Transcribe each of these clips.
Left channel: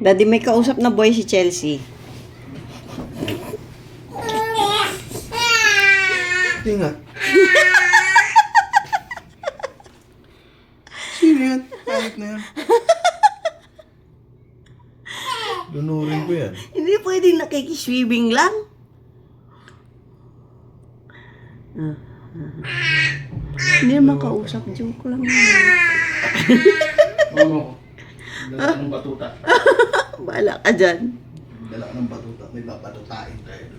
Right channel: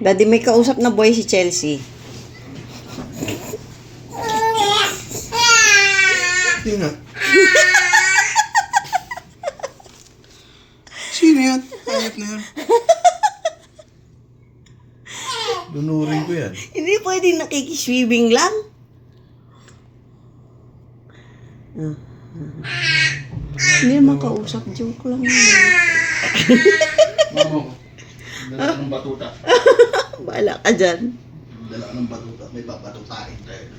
Daddy, may kausap na boy si Chelsea. Hindi nga. Sino yan? Ayot na yan. Lunurin ko yan. Hindi pwedeng nakikiswimming lang. Hindi naman kausap. Joke lang yun. Mamo, dala ng batuta. Bahala ka dyan. Dala ng batuta. May babatutain tayo.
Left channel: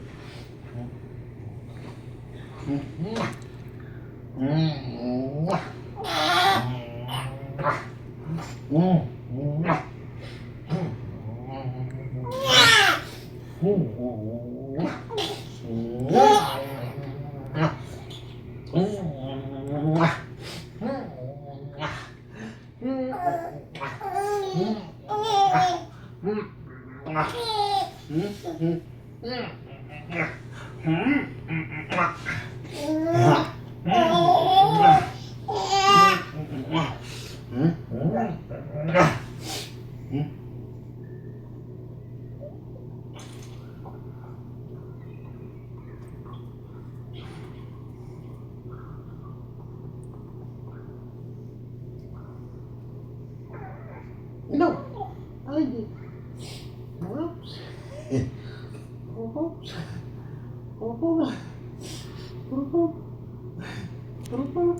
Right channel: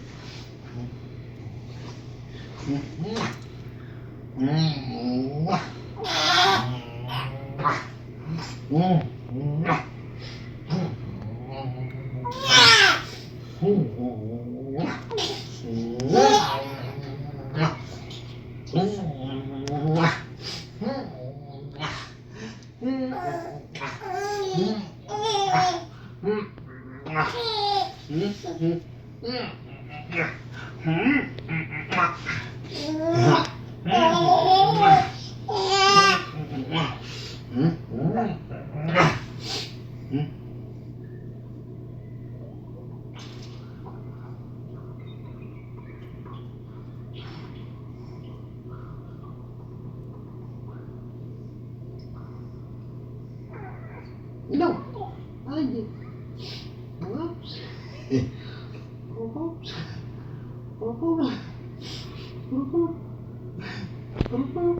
No. I did. Oops. Oops. Oops. Oops. Oops.